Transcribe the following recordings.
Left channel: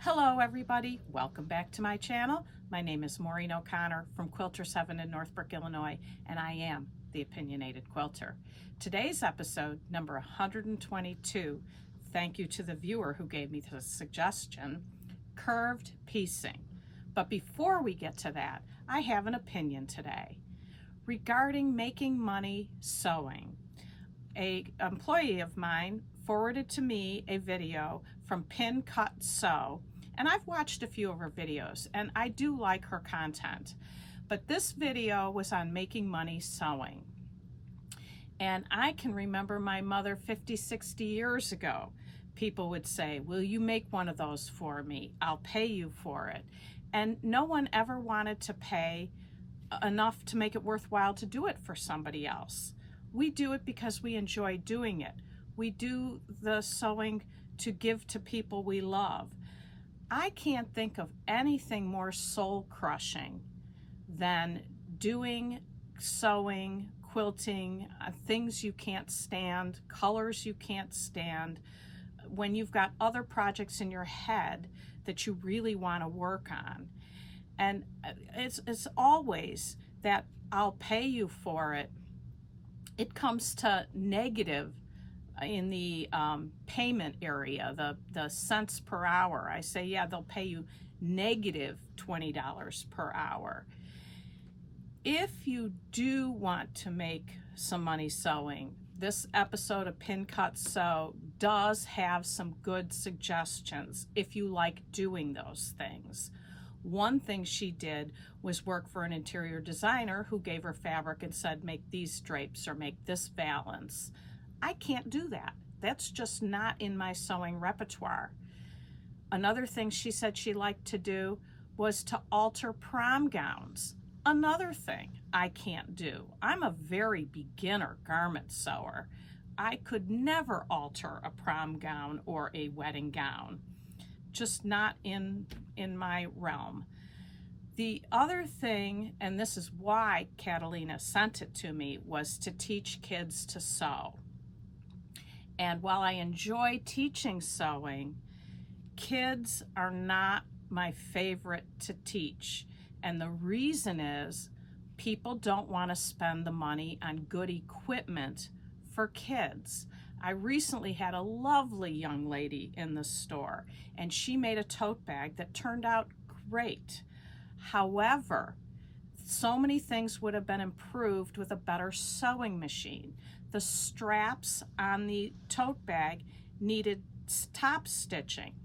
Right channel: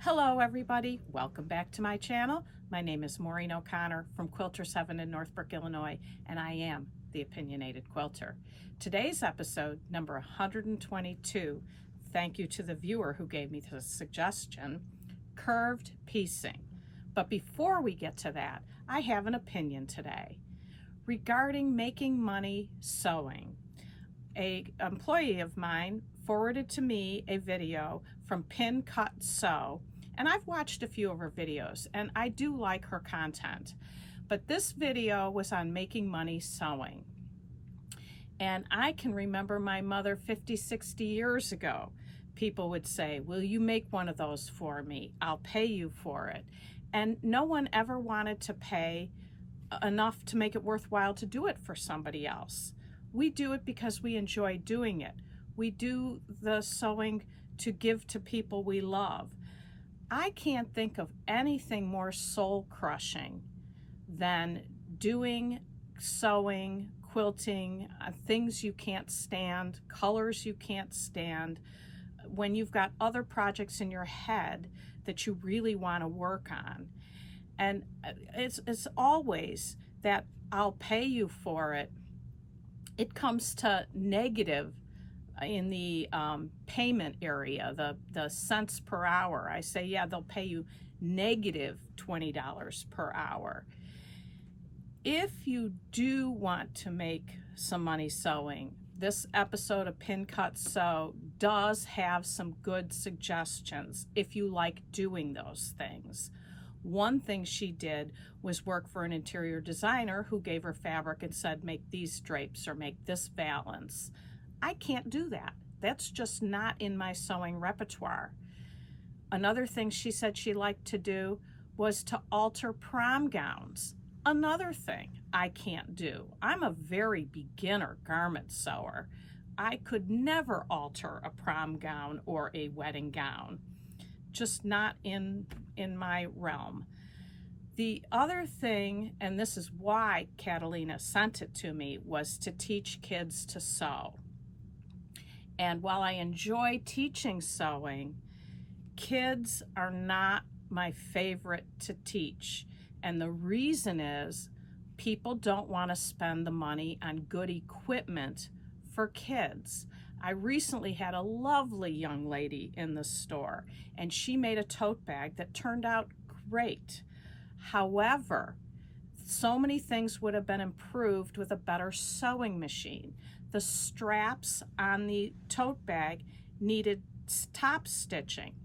Hello everybody, welcome back to my channel. My name is Maureen O'Connor from Quilter 7 in Northbrook, Illinois, and I am the Opinionated Quilter. Today's episode, number 122, thank you to the viewer who gave me the suggestion, curved piecing. But before we get to that, I have an opinion today regarding making money sewing. An employee of mine forwarded to me a video from Pin Cut Sew, and I've watched a few of her videos and I do like her content, but this video was on making money sewing. And I can remember my mother 50, 60 years ago. People would say, will you make one of those for me? I'll pay you for it. And no one ever wanted to pay enough to make it worthwhile to do it for somebody else. We do it because we enjoy doing it. We do the sewing to give to people we love. I can't think of anything more soul-crushing than doing sewing, quilting, things you can't stand, colors you can't stand, when you've got other projects in your head that you really want to work on. And it's always that I'll pay you for it. It comes to negative in the payment area, the cents per hour. I say, yeah, they'll pay you negative $20 per hour. If you do want to make some money sewing, this episode of Pin Cut Sew does have some good suggestions if you like doing those things. One thing she did was work for an interior designer who gave her fabric and said, make these drapes or make this valance. I can't do that. That's just not in my sewing repertoire. Another thing she said she liked to do was to alter prom gowns. Another thing I can't do. I'm a very beginner garment sewer. I could never alter a prom gown or a wedding gown. Just not in my realm. The other thing, and this is why Catalina sent it to me, was to teach kids to sew. And while I enjoy teaching sewing, kids are not my favorite to teach. And the reason is people don't want to spend the money on good equipment for kids. I recently had a lovely young lady in the store, and she made a tote bag that turned out great. However, so many things would have been improved with a better sewing machine. The straps on the tote bag needed top stitching.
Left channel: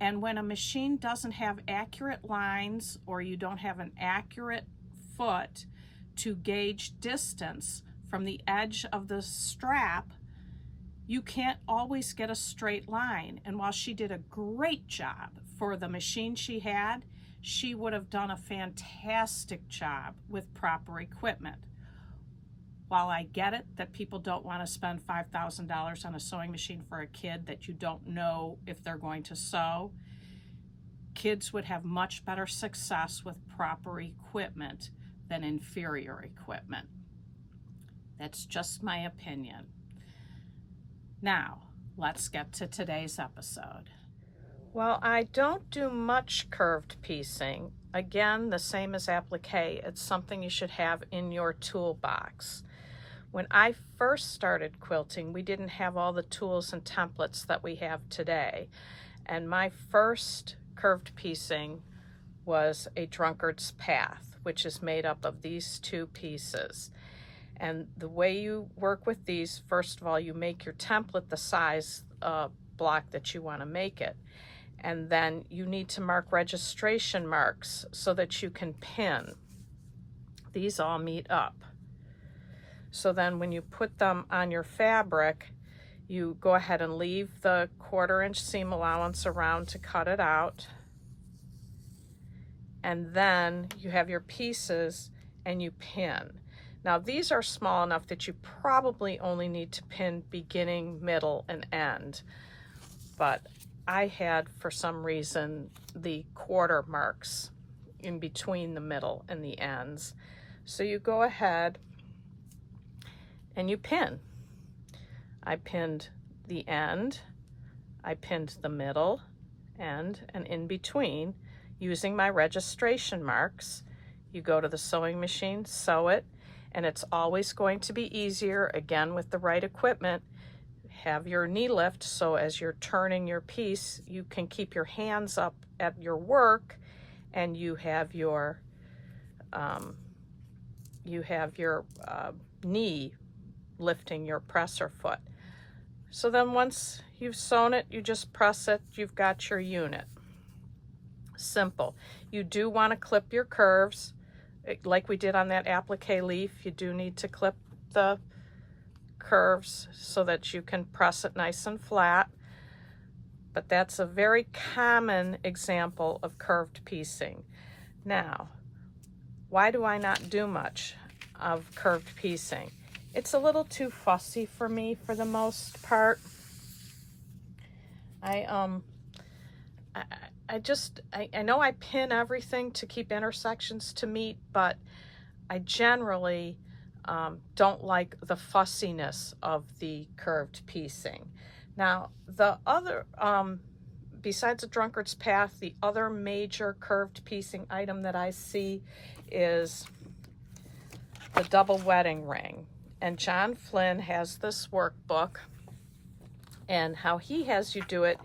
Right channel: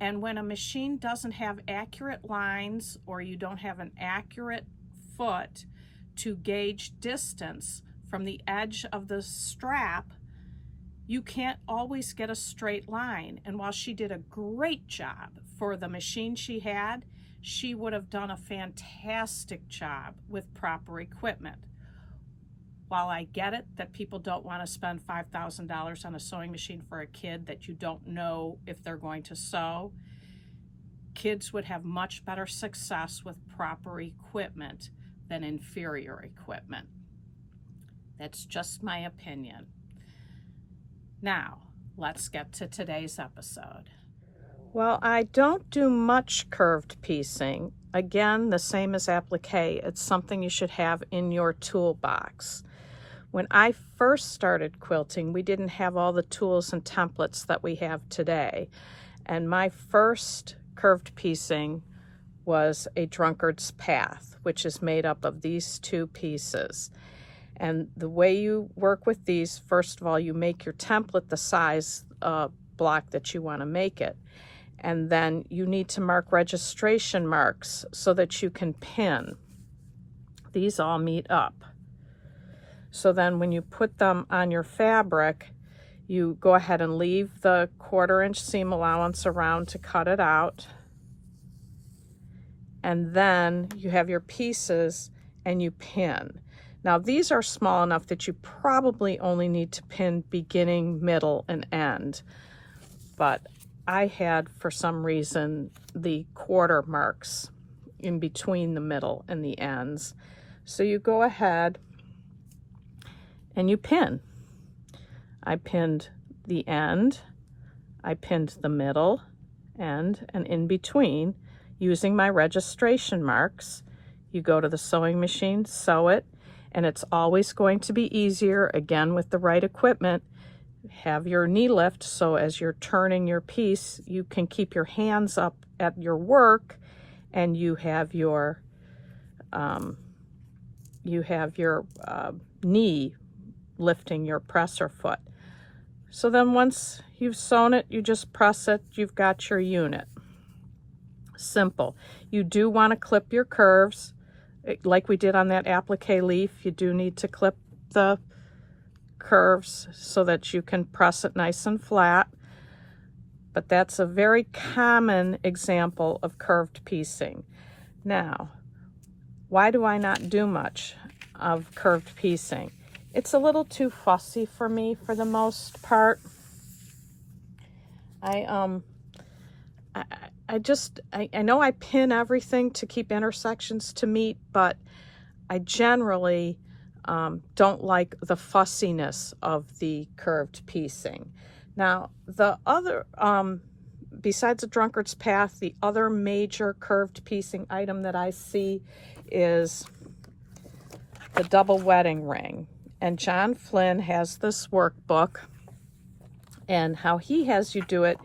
And when a machine doesn't have accurate lines, or you don't have an accurate foot to gauge distance from the edge of the strap, you can't always get a straight line. And while she did a great job for the machine she had, she would have done a fantastic job with proper equipment. While I get it that people don't want to spend $5,000 on a sewing machine for a kid that you don't know if they're going to sew, kids would have much better success with proper equipment than inferior equipment. That's just my opinion. Now, let's get to today's episode. Well, I don't do much curved piecing. Again, the same as applique. It's something you should have in your toolbox. When I first started quilting, we didn't have all the tools and templates that we have today. And my first curved piecing was a drunkard's path, which is made up of these two pieces. And the way you work with these, first of all, you make your template the size block that you want to make it. And then you need to mark registration marks so that you can pin. These all meet up. So then when you put them on your fabric, you go ahead and leave the 1/4 inch seam allowance around to cut it out. And then you have your pieces and you pin. Now these are small enough that you probably only need to pin beginning, middle, and end. But I had, for some reason, the 1/4 marks in between the middle and the ends. So you go ahead and you pin. I pinned the end, I pinned the middle, end and in between using my registration marks. You go to the sewing machine, sew it, and it's always going to be easier, again with the right equipment. Have your knee lift so as you're turning your piece, you can keep your hands up at your work, and you have your knee lifting your presser foot. So then once you've sewn it, you just press it, you've got your unit. Simple. You do want to clip your curves like we did on that applique leaf. You do need to clip the curves so that you can press it nice and flat. But that's a very common example of curved piecing. Now, why do I not do much of curved piecing? It's a little too fussy for me for the most part. I know I pin everything to keep intersections to meet, but I generally don't like the fussiness of the curved piecing. Now, the other, besides the drunkard's path, the other major curved piecing item that I see is the double wedding ring. And John Flynn has this workbook, and how he has you do it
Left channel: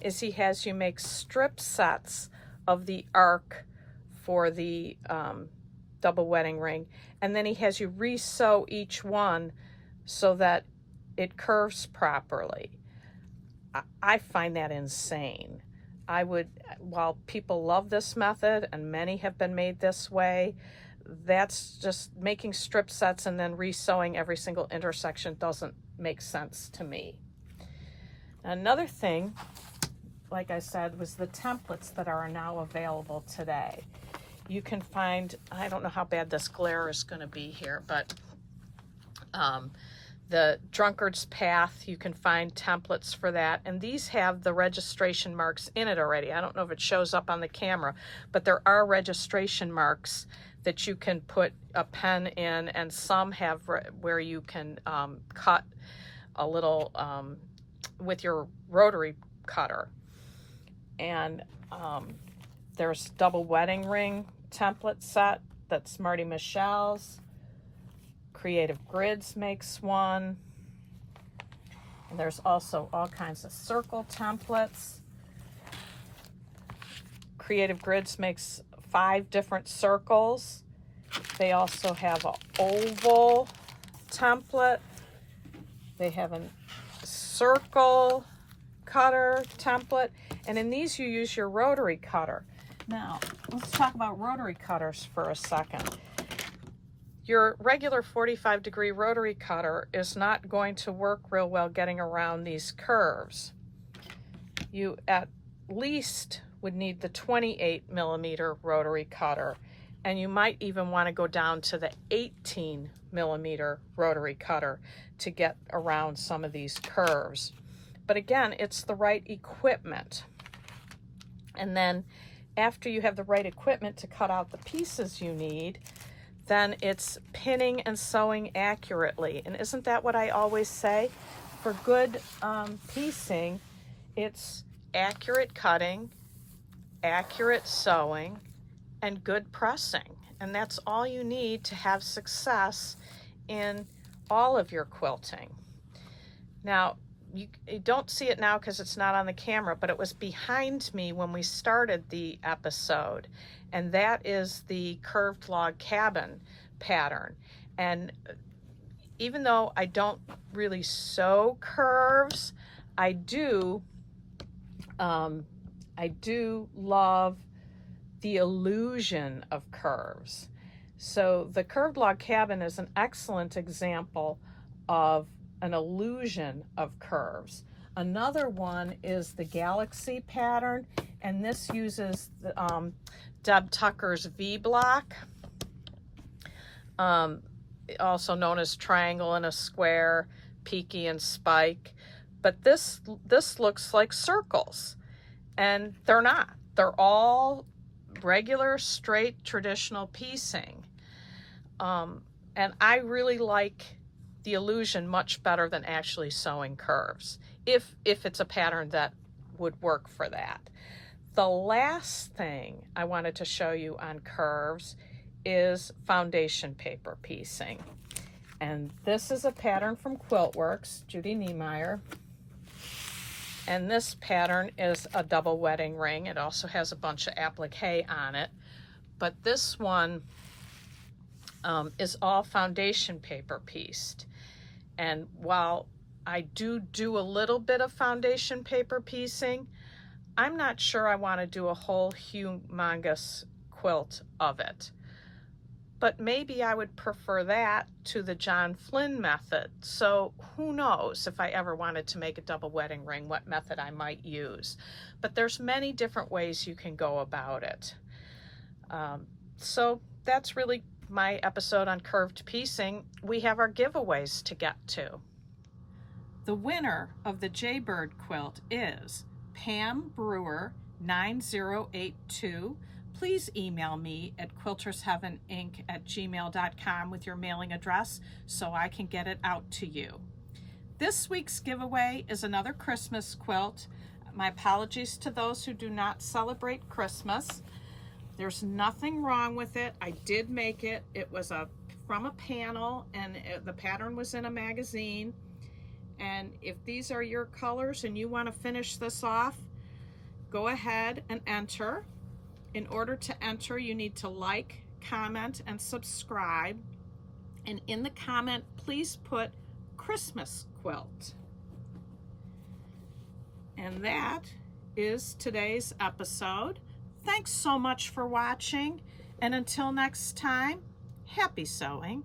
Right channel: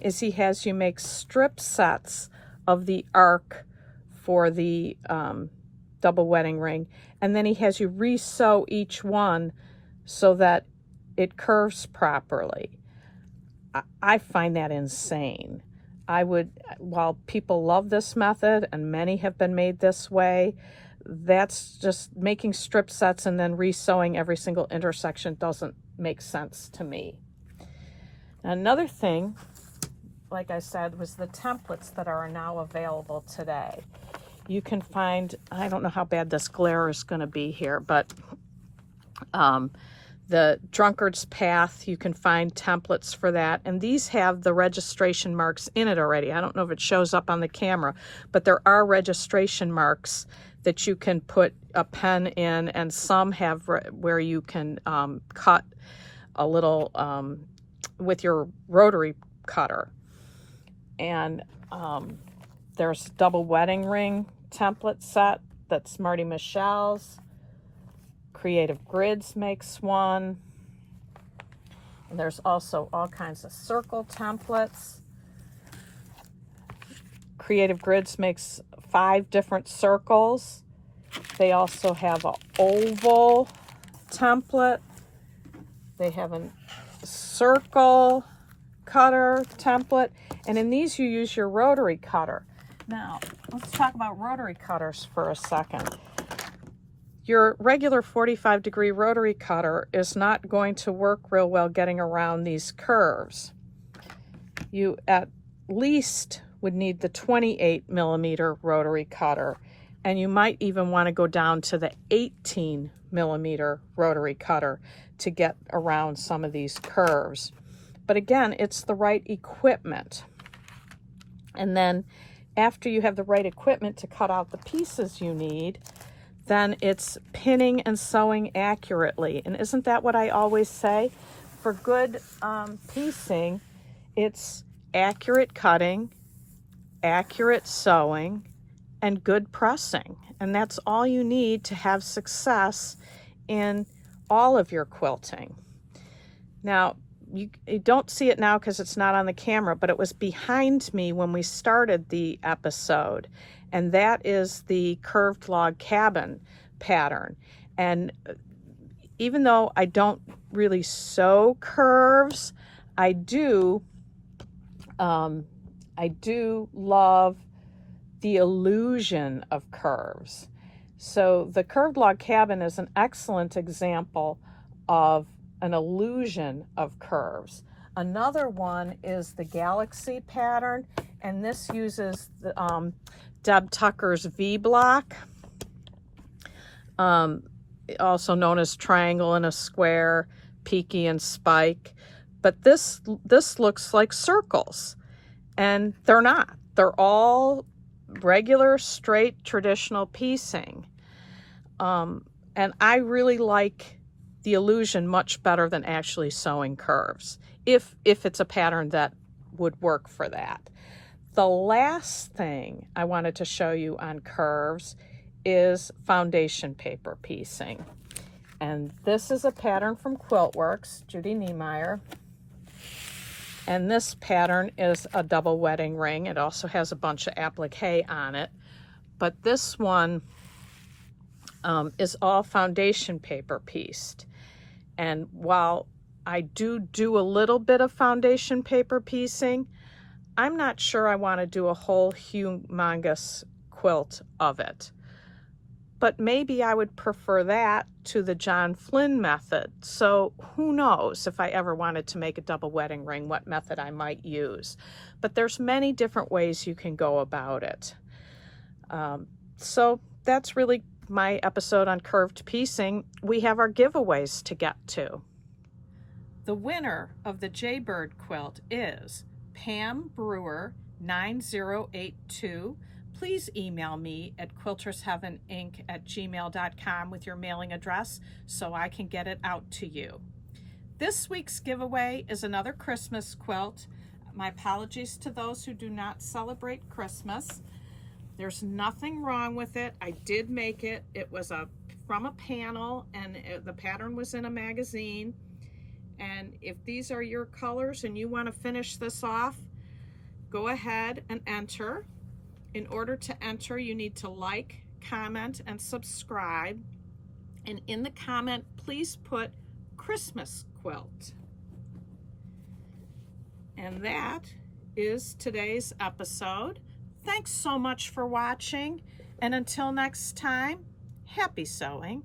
is he has you make strip sets of the arc for the double wedding ring, and then he has you re-sew each one so that it curves properly. I find that insane. While people love this method, and many have been made this way, that's just making strip sets and then re-sewing every single intersection doesn't make sense to me. Another thing, like I said, was the templates that are now available today. You can find, I don't know how bad this glare is going to be here, but the drunkard's path, you can find templates for that, and these have the registration marks in it already. I don't know if it shows up on the camera, but there are registration marks that you can put a pen in, and some have where you can cut a little with your rotary cutter. And there's double wedding ring template set, that's Marty Michelle's. Creative Grids makes one. And there's also all kinds of circle templates. Creative Grids makes 5 different circles. They also have an oval template. They have a circle cutter template, and in these you use your rotary cutter. Now, let's talk about rotary cutters for a second. Your regular 45-degree rotary cutter is not going to work real well getting around these curves. You at least would need the 28mm rotary cutter, and you might even want to go down to the 18mm rotary cutter to get around some of these curves. But again, it's the right equipment. And then after you have the right equipment to cut out the pieces you need, then it's pinning and sewing accurately. And isn't that what I always say? For good piecing, it's accurate cutting, accurate sewing, and good pressing. And that's all you need to have success in all of your quilting. Now, you don't see it now because it's not on the camera, but it was behind me when we started the episode, and that is the curved log cabin pattern. And even though I don't really sew curves, I do love the illusion of curves. So the curved log cabin is an excellent example of an illusion of curves. Another one is the galaxy pattern, and this uses the, Deb Tucker's V block, also known as triangle and a square, peaky and spike. But this looks like circles, and they're not. They're all regular, straight, traditional piecing. And I really like the illusion much better than actually sewing curves, if it's a pattern that would work for that. The last thing I wanted to show you on curves is foundation paper piecing. And this is a pattern from Quiltworks, Judy Niemeyer. And this pattern is a double wedding ring. It also has a bunch of applique on it. But this one is all foundation paper pieced. And while I do a little bit of foundation paper piecing, I'm not sure I want to do a whole humongous quilt of it. But maybe I would prefer that to the John Flynn method. So who knows if I ever wanted to make a double wedding ring, what method I might use. But there's many different ways you can go about it. So that's really my episode on curved piecing. We have our giveaways to get to. The winner of the Jaybird quilt is Pam Brewer 9082. Please email me at quiltersheaveninc@gmail.com with your mailing address so I can get it out to you. This week's giveaway is another Christmas quilt. My apologies to those who do not celebrate Christmas. There's nothing wrong with it. I did make it. It was from a panel, and the pattern was in a magazine. And if these are your colors and you want to finish this off, go ahead and enter. In order to enter, you need to like, comment, and subscribe. And in the comment, please put Christmas quilt. And that is today's episode. Thanks so much for watching. And until next time, happy sewing.